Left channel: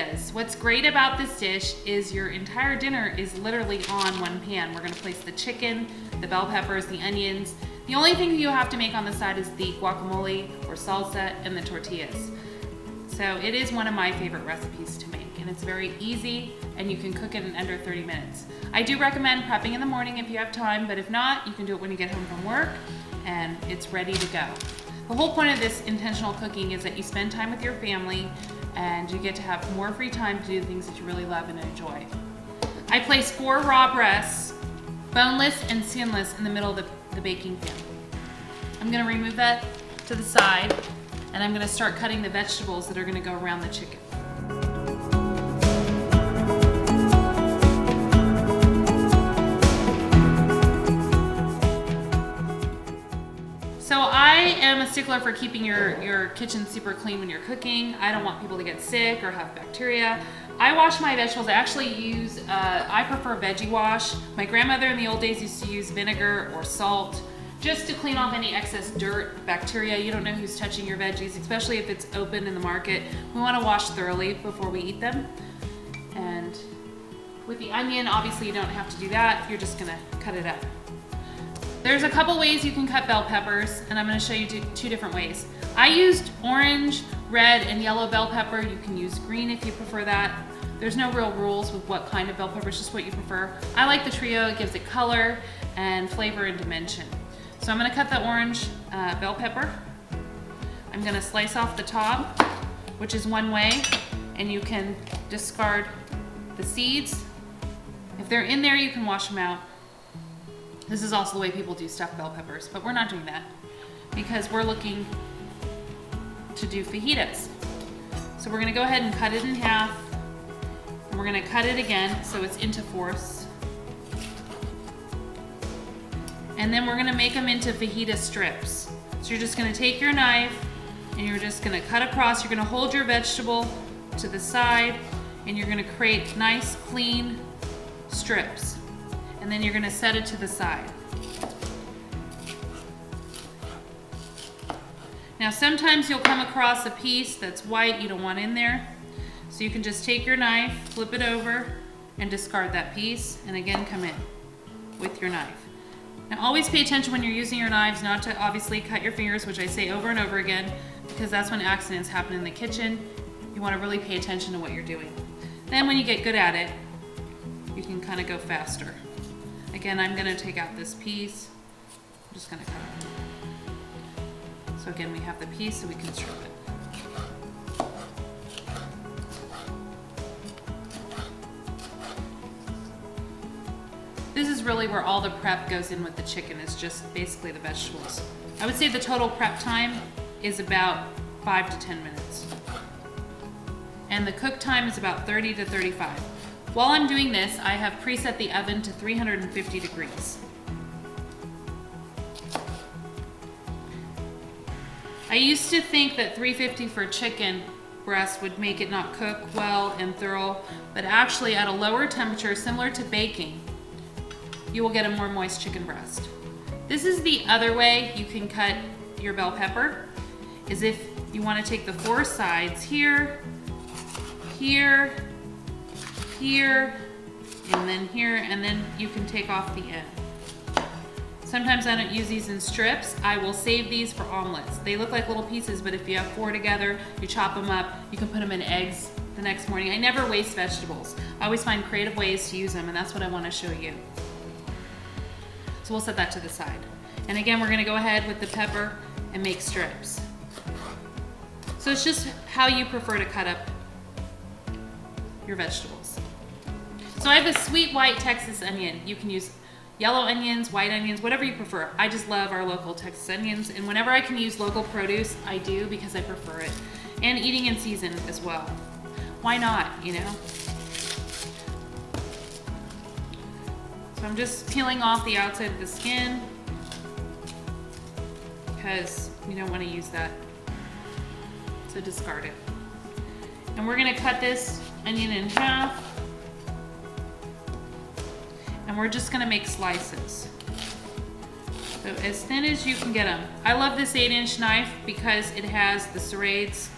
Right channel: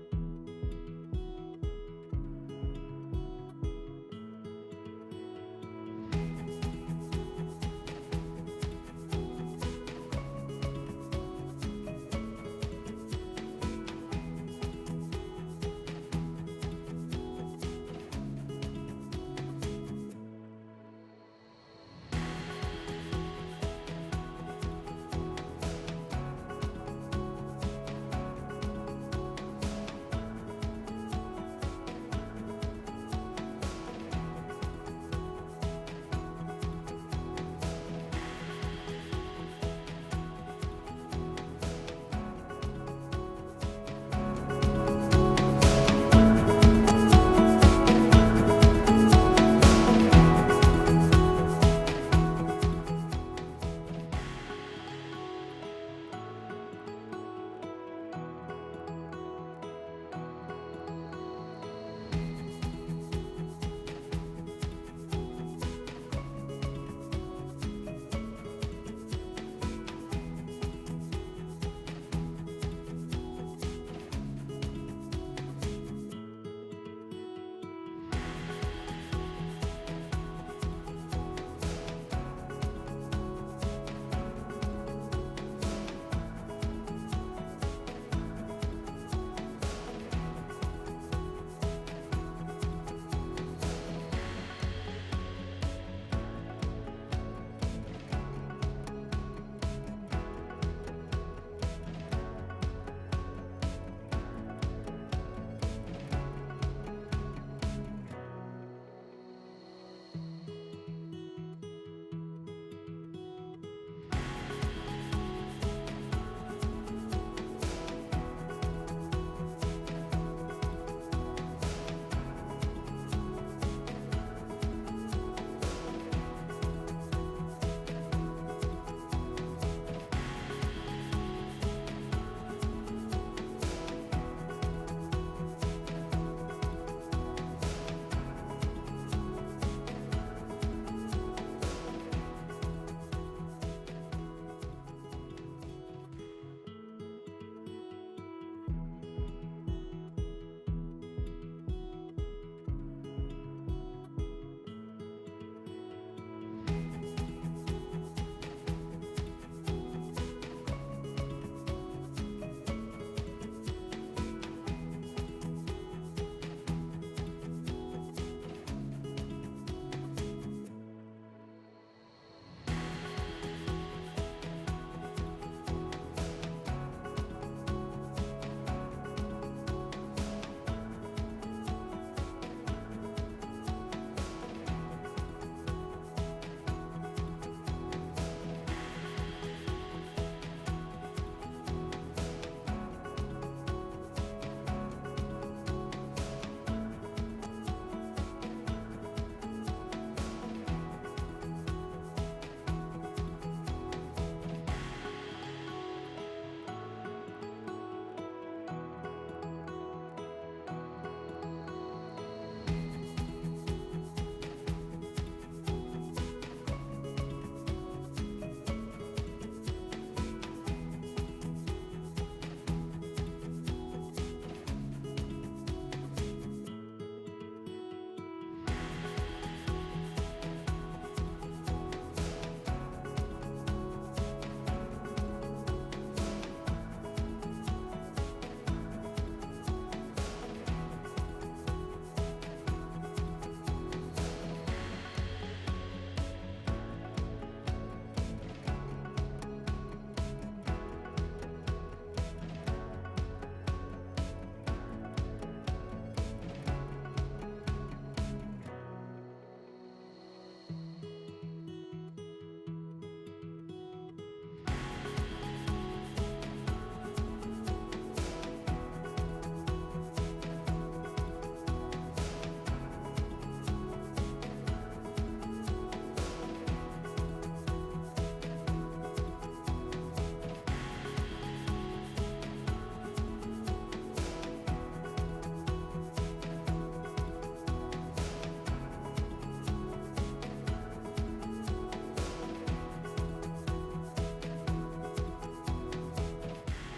fajitas. What's great about this dish is your entire dinner is literally on one pan. We're gonna place the chicken, the bell peppers, the onions. The only thing you have to make on the side is the guacamole or salsa and the tortillas. So it is one of my favorite recipes to make, and it's very easy, and you can cook it in under 30 minutes. I do recommend prepping in the morning if you have time, but if not, you can do it when you get home from work, and it's ready to go. The whole point of this intentional cooking is that you spend time with your family, and you get to have more free time to do things that you really love and enjoy. I place 4 raw breasts, boneless and skinless, in the middle of the baking pan. I'm gonna remove that to the side, and I'm gonna start cutting the vegetables that are gonna go around the chicken. So I am a stickler for keeping your kitchen super clean when you're cooking. I don't want people to get sick or have bacteria. I wash my vegetables. I actually use, I prefer veggie wash. My grandmother in the old days used to use vinegar or salt just to clean off any excess dirt, bacteria. You don't know who's touching your veggies, especially if it's open in the market. We want to wash thoroughly before we eat them. And with the onion, obviously you don't have to do that. You're just gonna cut it up. There's a couple ways you can cut bell peppers, and I'm gonna show you 2 different ways. I used orange, red, and yellow bell pepper. You can use green if you prefer that. There's no real rules with what kind of bell pepper, it's just what you prefer. I like the trio. It gives it color and flavor and dimension. So I'm gonna cut the orange bell pepper. I'm gonna slice off the top, which is one way, and you can discard the seeds. If they're in there, you can wash them out. This is also the way people do stuffed bell peppers, but we're not doing that because we're looking to do fajitas. So we're gonna go ahead and cut it in half. And we're gonna cut it again so it's into fourths. And then we're gonna make them into fajita strips. So you're just gonna take your knife and you're just gonna cut across. You're gonna hold your vegetable to the side and you're gonna create nice, clean strips. And then you're gonna set it to the side. Now sometimes you'll come across a piece that's white you don't want in there. So you can just take your knife, flip it over, and discard that piece, and again come in with your knife. Now always pay attention when you're using your knives not to obviously cut your fingers, which I say over and over again, because that's when accidents happen in the kitchen. You want to really pay attention to what you're doing. Then when you get good at it, you can kind of go faster. Again, I'm going to take out this piece. I'm just going to cut it. So again, we have the piece so we can strip it. This is really where all the prep goes in with the chicken, is just basically the vegetables. I would say the total prep time is about 5 to 10 minutes. And the cook time is about 30 to 35. While I'm doing this, I have preset the oven to 350 degrees. I used to think that 350 for chicken breast would make it not cook well and thorough, but actually at a lower temperature, similar to baking, you will get a more moist chicken breast. This is the other way you can cut your bell pepper, is if you want to take the 4 sides here, here, here, and then here, and then you can take off the end. Sometimes I don't use these in strips. I will save these for omelets. They look like little pieces, but if you have 4 together, you chop them up, you can put them in eggs the next morning. I never waste vegetables. I always find creative ways to use them, and that's what I want to show you. So we'll set that to the side. And again, we're gonna go ahead with the pepper and make strips. So it's just how you prefer to cut up your vegetables. So I have a sweet white Texas onion. You can use yellow onions, white onions, whatever you prefer. I just love our local Texas onions, and whenever I can use local produce, I do, because I prefer it. And eating in season as well. Why not, you know? I'm just peeling off the outside of the skin because you don't want to use that, so discard it. And we're going to cut this onion in half, and we're just going to make slices. So as thin as you can get them. I love this 8-inch knife because it has the serrades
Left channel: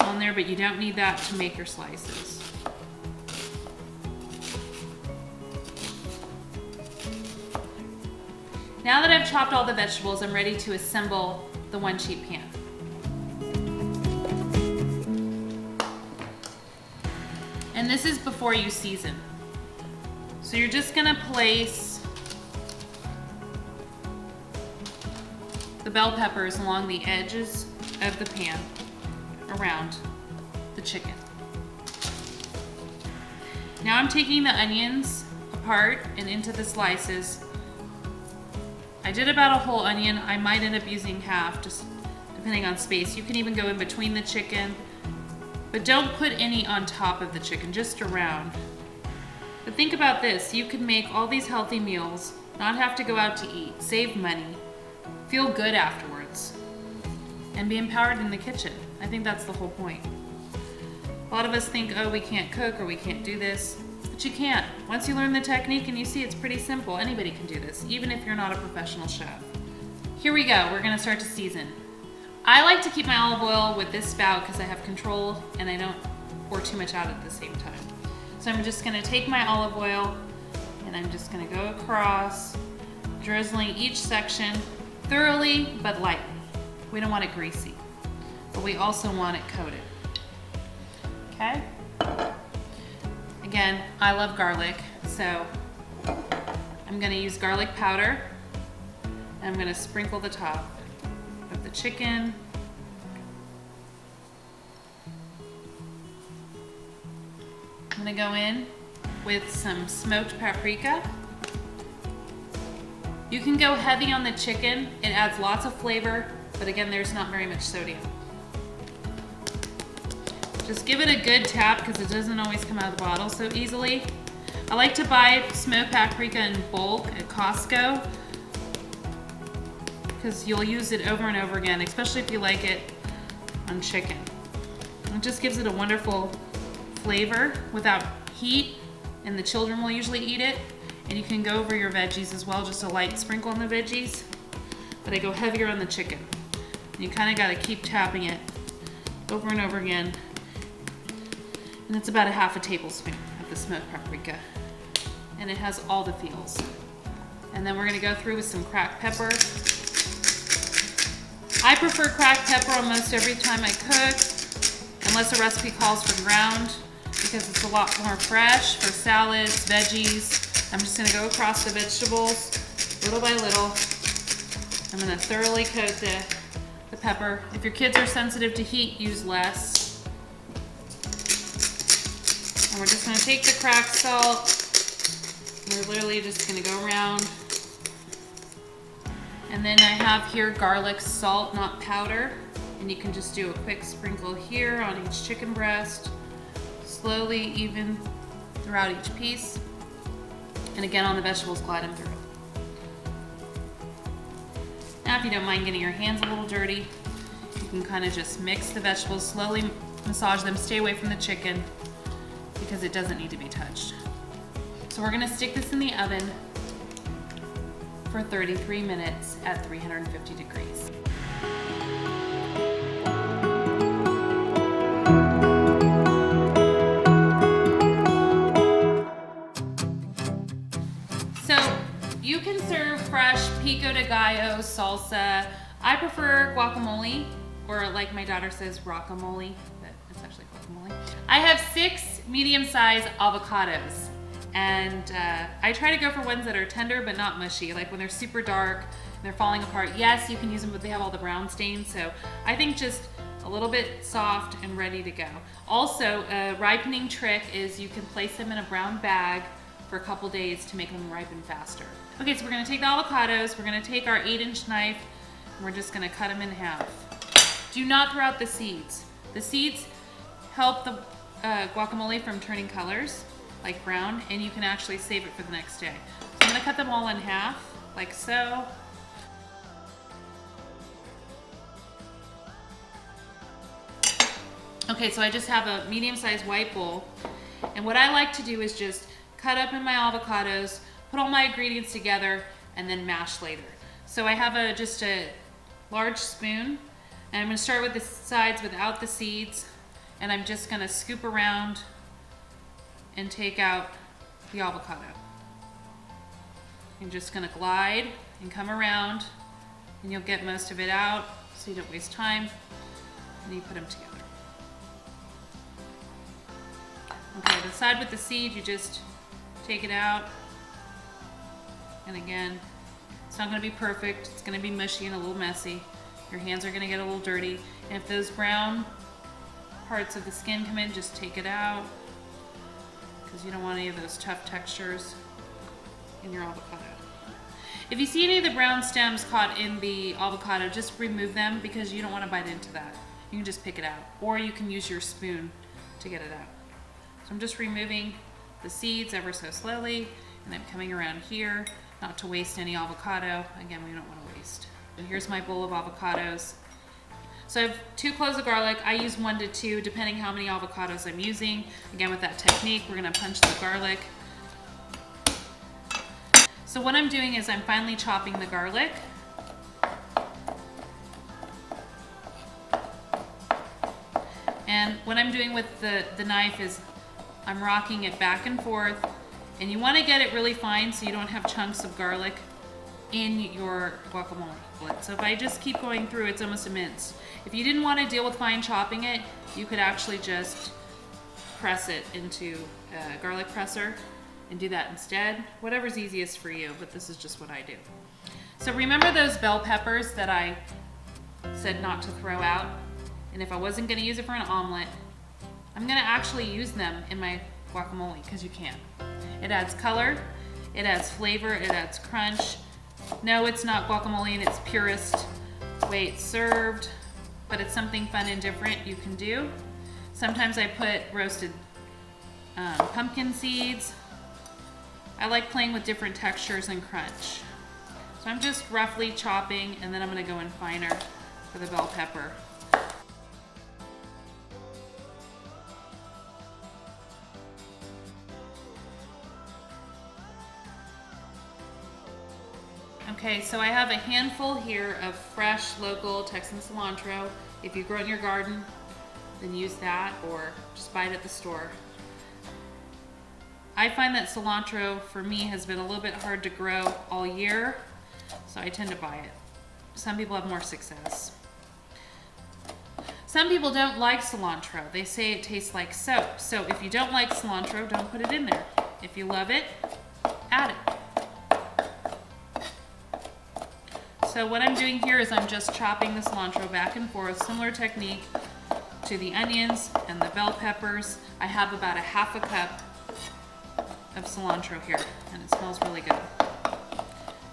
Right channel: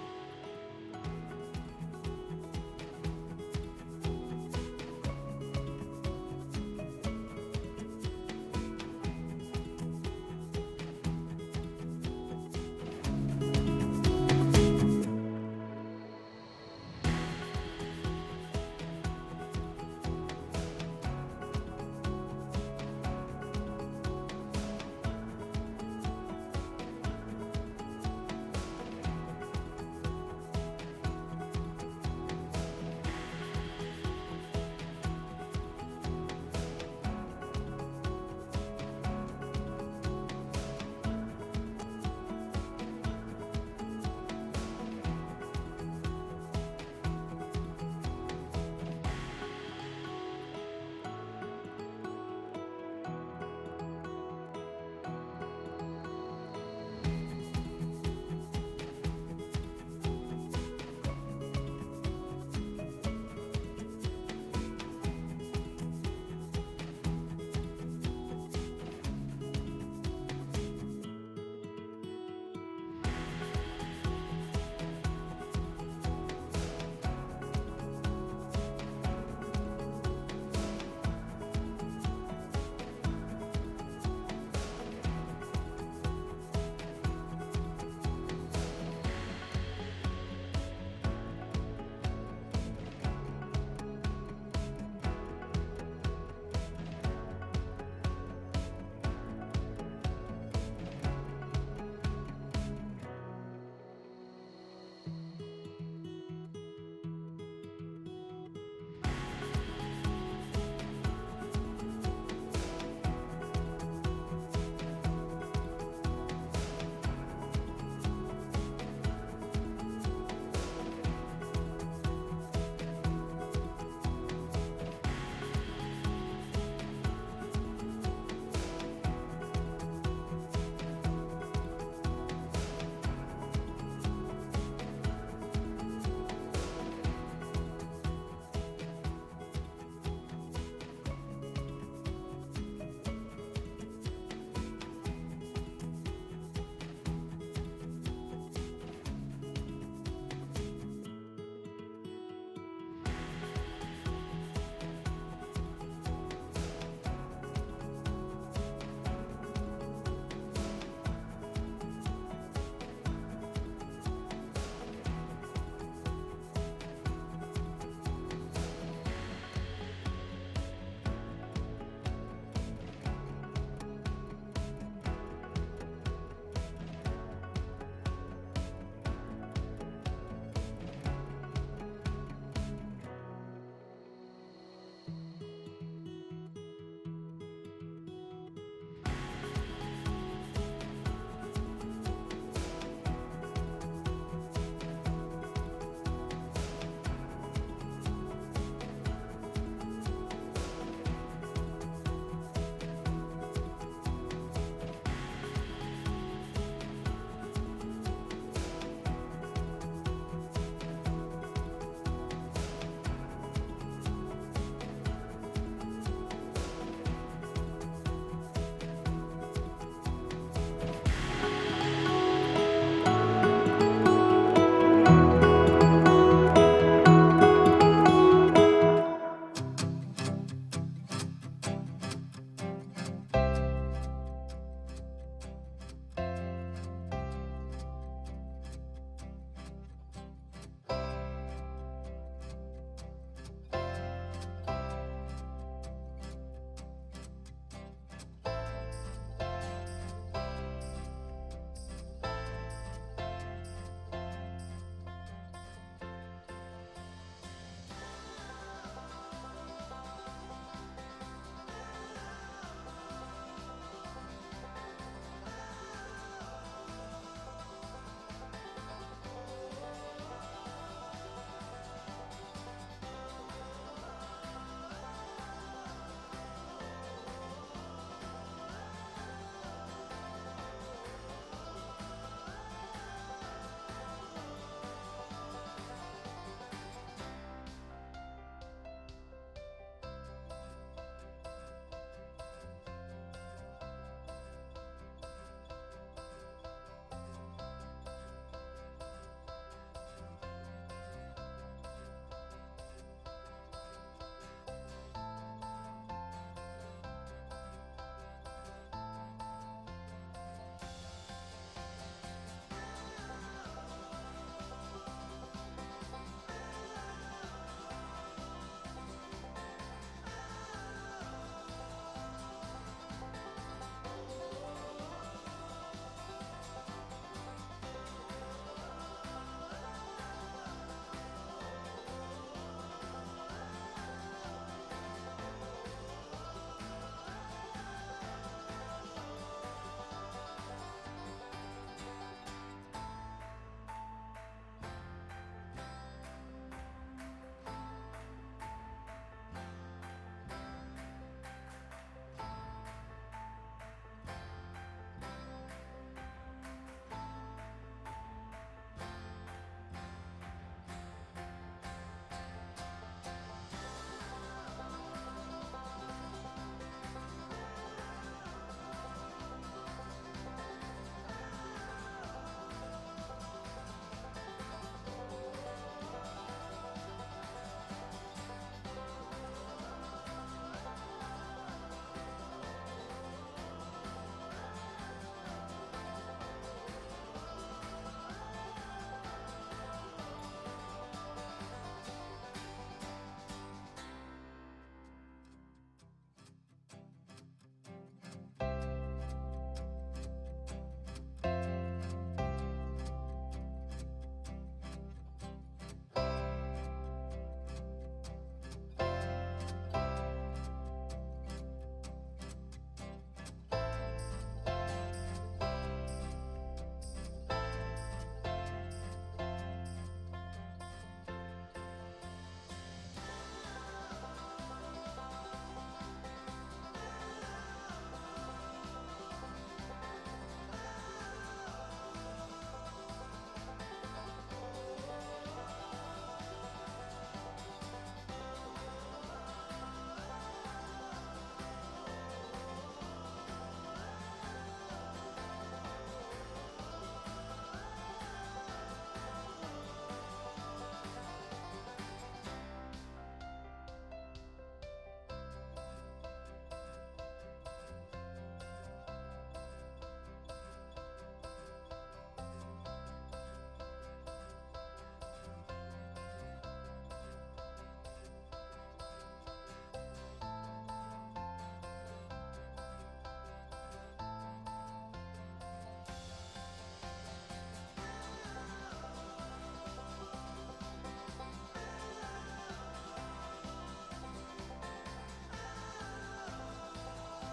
on in there, but you don't need that to make your slices. Now that I've chopped all the vegetables, I'm ready to assemble the one sheet pan. And this is before you season. So you're just gonna place the bell peppers along the edges of the pan around the chicken. Now I'm taking the onions apart and into the slices. I did about a whole onion. I might end up using half, just depending on space. You can even go in between the chicken, but don't put any on top of the chicken, just around. But think about this, you can make all these healthy meals, not have to go out to eat, save money, feel good afterwards, and be empowered in the kitchen. I think that's the whole point. A lot of us think, oh, we can't cook or we can't do this. But you can. Once you learn the technique and you see it's pretty simple, anybody can do this, even if you're not a professional chef. Here we go, we're gonna start to season. I like to keep my olive oil with this spout because I have control and I don't pour too much out at the same time. So I'm just gonna take my olive oil and I'm just gonna go across, drizzling each section thoroughly but lightly. We don't want it greasy, but we also want it coated. Okay? Again, I love garlic, so I'm gonna use garlic powder. And I'm gonna sprinkle the top of the chicken. I'm gonna go in with some smoked paprika. You can go heavy on the chicken. It adds lots of flavor, but again, there's not very much sodium. Just give it a good tap because it doesn't always come out of the bottle so easily. I like to buy smoked paprika in bulk at Costco because you'll use it over and over again, especially if you like it on chicken. It just gives it a wonderful flavor without heat, and the children will usually eat it. And you can go over your veggies as well, just a light sprinkle on the veggies. But I go heavier on the chicken. And you kind of got to keep tapping it over and over again. And it's about a half a tablespoon of the smoked paprika. And it has all the feels. And then we're gonna go through with some cracked pepper. I prefer cracked pepper almost every time I cook, unless the recipe calls for ground, because it's a lot more fresh for salads, veggies. I'm just gonna go across the vegetables little by little. I'm gonna thoroughly coat the pepper. If your kids are sensitive to heat, use less. And we're just gonna take the cracked salt. We're literally just gonna go around. And then I have here garlic salt, not powder. And you can just do a quick sprinkle here on each chicken breast. Slowly, even throughout each piece. And again on the vegetables, glide them through. Now if you don't mind getting your hands a little dirty, you can kind of just mix the vegetables, slowly massage them, stay away from the chicken because it doesn't need to be touched. So we're gonna stick this in the oven for 33 minutes at 350 degrees. So you can serve fresh pico de gallo, salsa. I prefer guacamole, or like my daughter says, guacamole, but it's actually guacamole. I have 6 medium-sized avocados. And I try to go for ones that are tender but not mushy, like when they're super dark and they're falling apart. Yes, you can use them, but they have all the brown stains. So I think just a little bit soft and ready to go. Also, a ripening trick is you can place them in a brown bag for a couple days to make them ripen faster. Okay, so we're gonna take the avocados, we're gonna take our 8-inch knife, and we're just gonna cut them in half. Do not throw out the seeds. The seeds help the guacamole from turning colors, like brown, and you can actually save it for the next day. So I'm gonna cut them all in half, like so. Okay, so I just have a medium-sized white bowl, and what I like to do is just cut up in my avocados, put all my ingredients together, and then mash later. So I have just a large spoon, and I'm gonna start with the sides without the seeds, and I'm just gonna scoop around and take out the avocado. You're just gonna glide and come around, and you'll get most of it out so you don't waste time, and you put them together. Okay, the side with the seed, you just take it out, and again, it's not gonna be perfect, it's gonna be mushy and a little messy. Your hands are gonna get a little dirty, and if those brown parts of the skin come in, just take it out, because you don't want any of those tough textures in your avocado. If you see any of the brown stems caught in the avocado, just remove them because you don't want to bite into that. You can just pick it out, or you can use your spoon to get it out. So I'm just removing the seeds ever so slowly, and I'm coming around here, not to waste any avocado. Again, we don't want to waste. And here's my bowl of avocados. So I have 2 cloves of garlic. I use 1 to 2, depending how many avocados I'm using. Again, with that technique, we're gonna punch the garlic. So what I'm doing is I'm finely chopping the garlic. And what I'm doing with the knife is I'm rocking it back and forth, and you want to get it really fine so you don't have chunks of garlic in your guacamole. So if I just keep going through, it's almost a mince. If you didn't want to deal with fine chopping it, you could actually just press it into a garlic presser and do that instead. Whatever's easiest for you, but this is just what I do. So remember those bell peppers that I said not to throw out? And if I wasn't gonna use it for an omelet, I'm gonna actually use them in my guacamole, because you can. It adds color, it adds flavor, it adds crunch. No, it's not guacamole in its purest way it's served, but it's something fun and different you can do. Sometimes I put roasted pumpkin seeds. I like playing with different textures and crunch. So I'm just roughly chopping, and then I'm gonna go in finer for the bell pepper. Okay, so I have a handful here of fresh, local Texan cilantro. If you grow it in your garden, then use that, or just buy it at the store. I find that cilantro, for me, has been a little bit hard to grow all year, so I tend to buy it. Some people have more success. Some people don't like cilantro. They say it tastes like soap. So if you don't like cilantro, don't put it in there. If you love it, add it. So what I'm doing here is I'm just chopping the cilantro back and forth, similar technique to the onions and the bell peppers. I have about a half a cup of cilantro here, and it smells really good.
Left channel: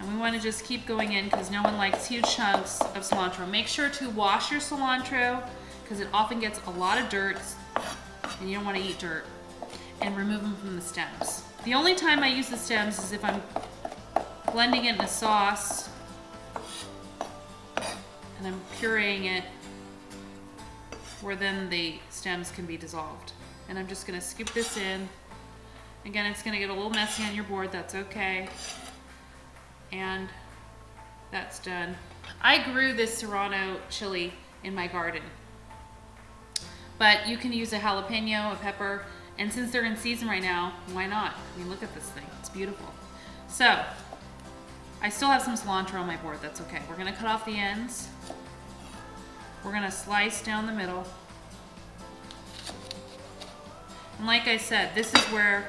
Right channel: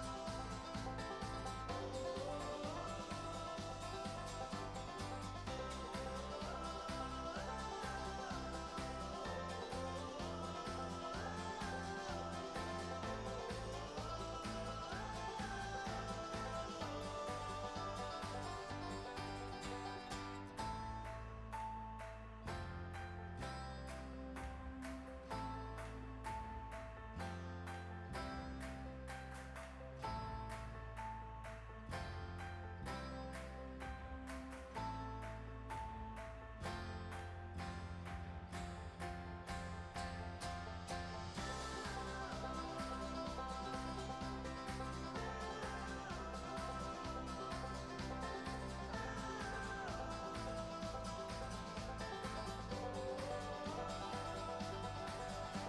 And we want to just keep going in because no one likes huge chunks of cilantro. Make sure to wash your cilantro because it often gets a lot of dirt, and you don't want to eat dirt, and remove them from the stems. The only time I use the stems is if I'm blending it in a sauce and I'm pureeing it, where then the stems can be dissolved. And I'm just going to scoop this in. Again, it's going to get a little messy on your board, that's okay. And that's done. I grew this serrano chili in my garden, but you can use a jalapeno, a pepper, and since they're in season right now, why not? I mean, look at this thing, it's beautiful. So, I still have some cilantro on my board, that's okay. We're going to cut off the ends. We're going to slice down the middle. And like I said, this is where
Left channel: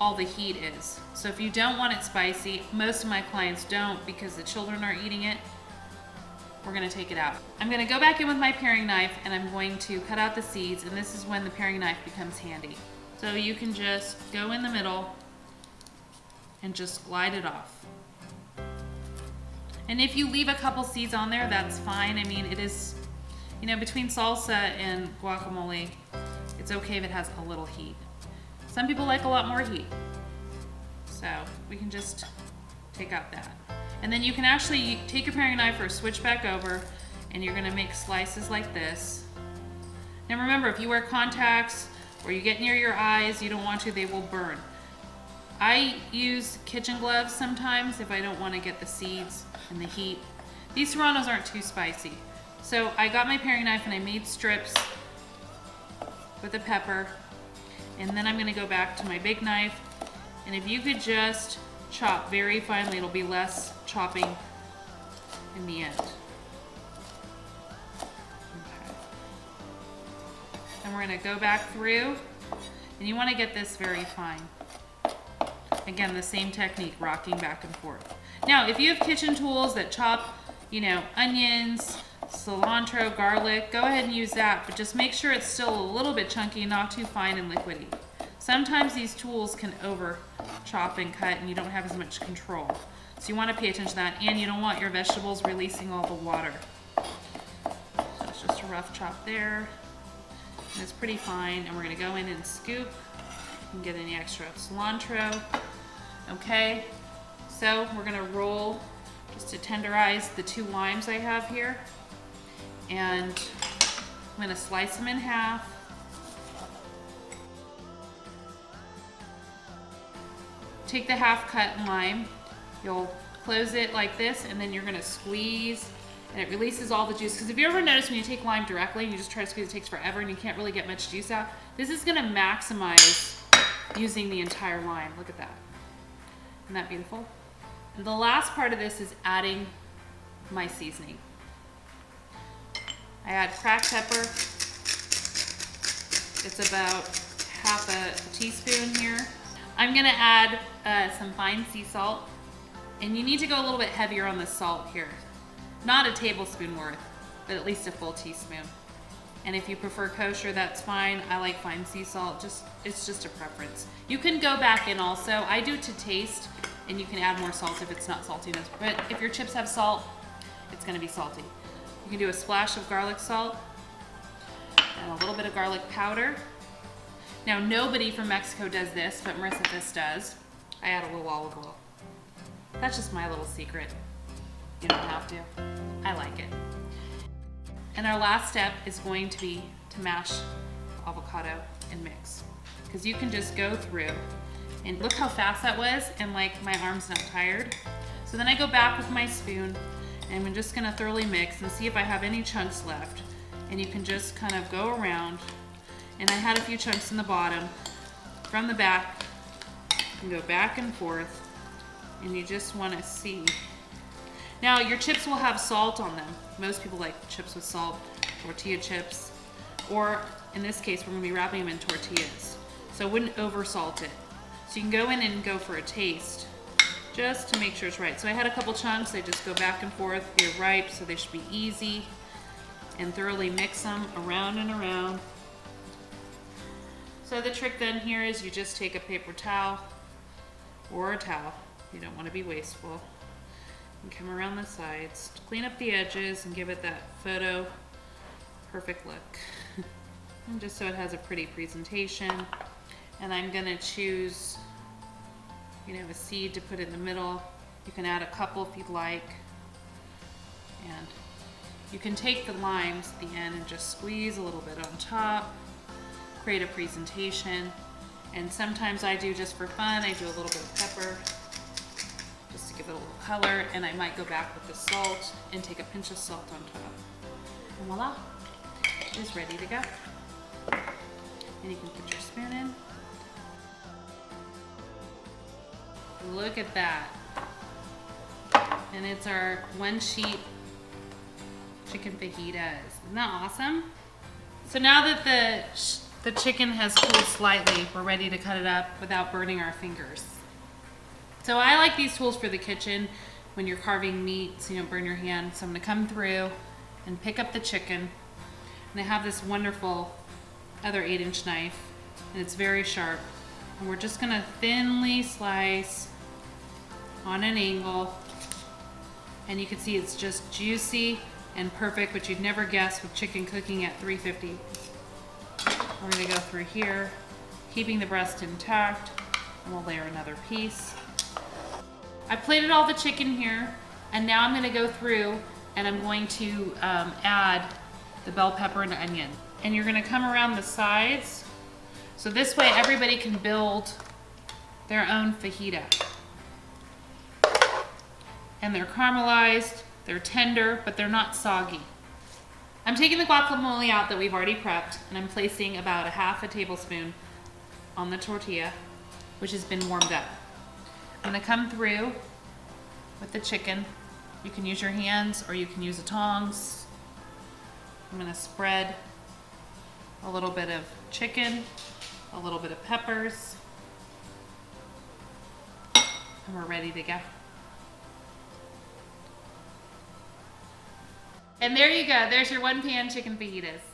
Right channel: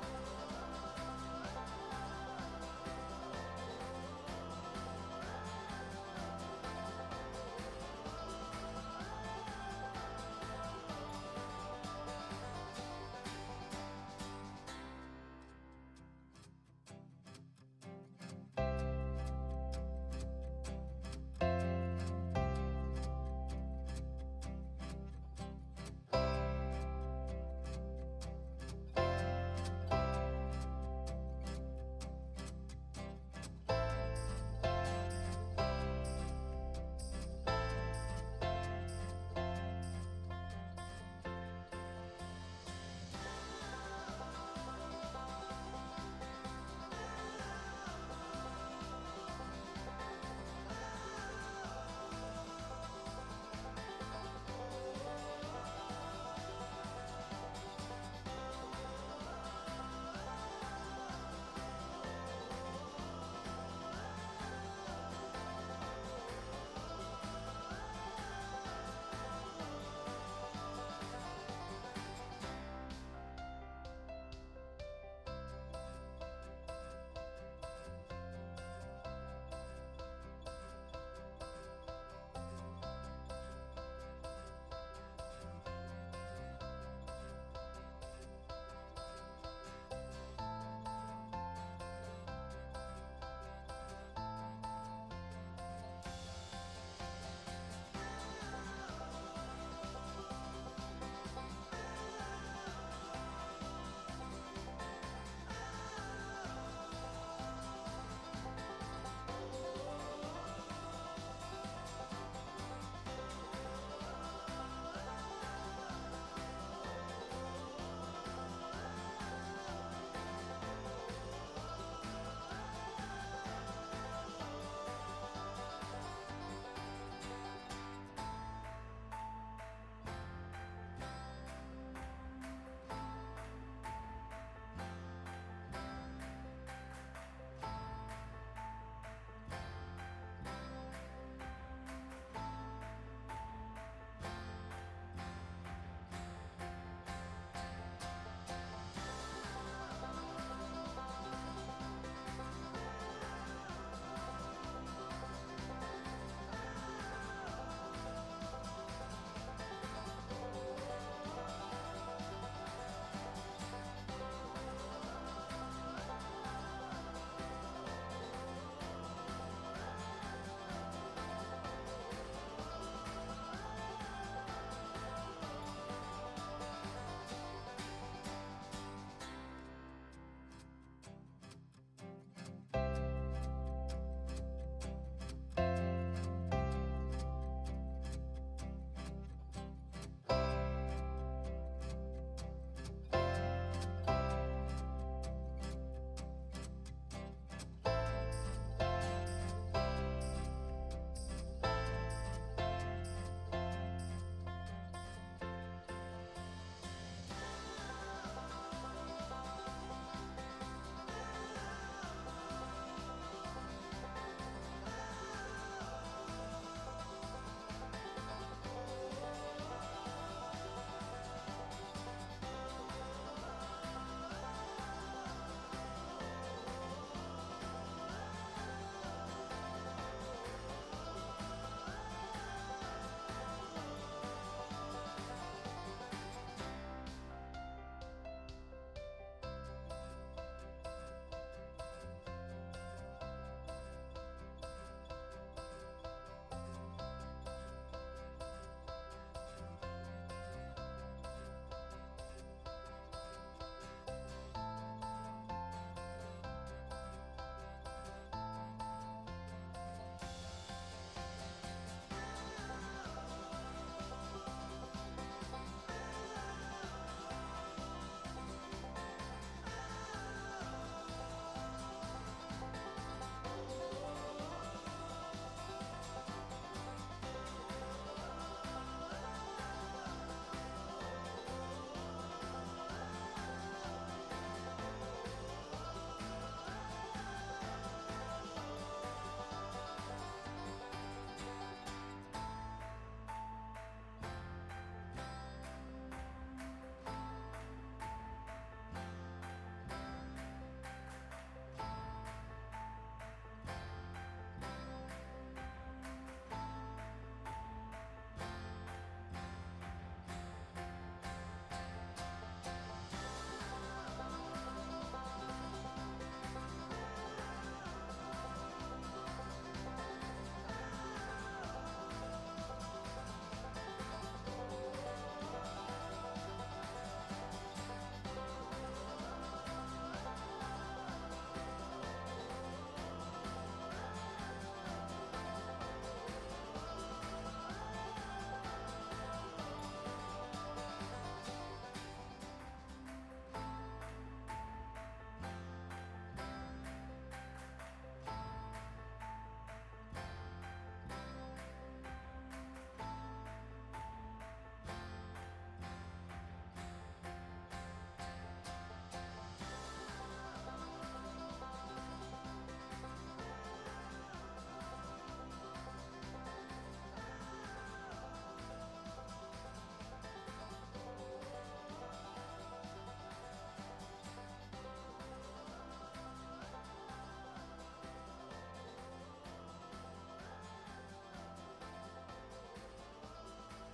all the heat is. So if you don't want it spicy, most of my clients don't because the children are eating it, we're gonna take it out. I'm gonna go back in with my paring knife and I'm going to cut out the seeds, and this is when the paring knife becomes handy. So you can just go in the middle and just glide it off. And if you leave a couple seeds on there, that's fine. I mean, it is, you know, between salsa and guacamole, it's okay if it has a little heat. Some people like a lot more heat. So we can just take out that. And then you can actually take your paring knife or switch back over, and you're gonna make slices like this. Now remember, if you wear contacts or you get near your eyes, you don't want to, they will burn. I use kitchen gloves sometimes if I don't want to get the seeds and the heat. These serranos aren't too spicy. So I got my paring knife and I made strips with the pepper. And then I'm gonna go back to my big knife. And if you could just chop very finely, it'll be less chopping in the end. And we're gonna go back through, and you wanna get this very fine. Again, the same technique, rocking back and forth. Now, if you have kitchen tools that chop, you know, onions, cilantro, garlic, go ahead and use that, but just make sure it's still a little bit chunky, not too fine and liquidy. Sometimes these tools can over chop and cut and you don't have as much control. So you want to pay attention to that, and you don't want your vegetables releasing all the water. So it's just a rough chop there. And it's pretty fine, and we're going to go in and scoop and get any extra cilantro. Okay, so we're going to roll just to tenderize the 2 limes I have here. And I'm going to slice them in half. Take the half-cut lime, you'll close it like this, and then you're gonna squeeze, and it releases all the juice. Because if you ever notice when you take lime directly, and you just try to squeeze, it takes forever, and you can't really get much juice out. This is gonna maximize using the entire lime. Look at that. Isn't that beautiful? And the last part of this is adding my seasoning. I add cracked pepper. It's about half a teaspoon here. I'm gonna add some fine sea salt, and you need to go a little bit heavier on the salt here. Not a tablespoon worth, but at least a full teaspoon. And if you prefer kosher, that's fine. I like fine sea salt, it's just a preference. You can go back in also. I do to taste, and you can add more salt if it's not salty enough. But if your chips have salt, it's gonna be salty. You can do a splash of garlic salt, and a little bit of garlic powder. Now, nobody from Mexico does this, but Marissa Fisk does. I add a little olive oil. That's just my little secret. You don't have to. I like it. And our last step is going to be to mash avocado and mix. Because you can just go through, and look how fast that was, and like my arm's not tired. So then I go back with my spoon, and I'm just gonna thoroughly mix and see if I have any chunks left. And you can just kind of go around. And I had a few chunks in the bottom. From the back, and go back and forth, and you just want to see. Now, your chips will have salt on them. Most people like chips with salt, tortilla chips, or in this case, we're going to be wrapping them in tortillas. So I wouldn't over salt it. So you can go in and go for a taste, just to make sure it's right. So I had a couple chunks, I just go back and forth. They're ripe, so they should be easy, and thoroughly mix them around and around. So the trick then here is you just take a paper towel or a towel, you don't want to be wasteful, and come around the sides to clean up the edges and give it that photo perfect look. And just so it has a pretty presentation. And I'm gonna choose, you know, a seed to put in the middle. You can add a couple if you'd like. And you can take the limes at the end and just squeeze a little bit on top. Create a presentation, and sometimes I do just for fun, I do a little bit of pepper just to give it a little color, and I might go back with the salt and take a pinch of salt on top. And voila, it is ready to go. And you can put your spoon in. Look at that. And it's our 1-sheet chicken fajitas. Isn't that awesome? So now that the chicken has cooled slightly, we're ready to cut it up without burning our fingers. So I like these tools for the kitchen when you're carving meat so you don't burn your hand. So I'm gonna come through and pick up the chicken. And I have this wonderful other 8-inch knife, and it's very sharp. And we're just gonna thinly slice on an angle. And you can see it's just juicy and perfect, but you'd never guess with chicken cooking at 350. We're gonna go through here, keeping the breast intact, and we'll layer another piece. I plated all the chicken here, and now I'm gonna go through and I'm going to add the bell pepper and onion. And you're gonna come around the sides, so this way everybody can build their own fajita. And they're caramelized, they're tender, but they're not soggy. I'm taking the guacamole out that we've already prepped, and I'm placing about a half a tablespoon on the tortilla, which has been warmed up. I'm gonna come through with the chicken. You can use your hands or you can use the tongs. I'm gonna spread a little bit of chicken, a little bit of peppers, and we're ready to go. And there you go, there's your one pan chicken fajitas.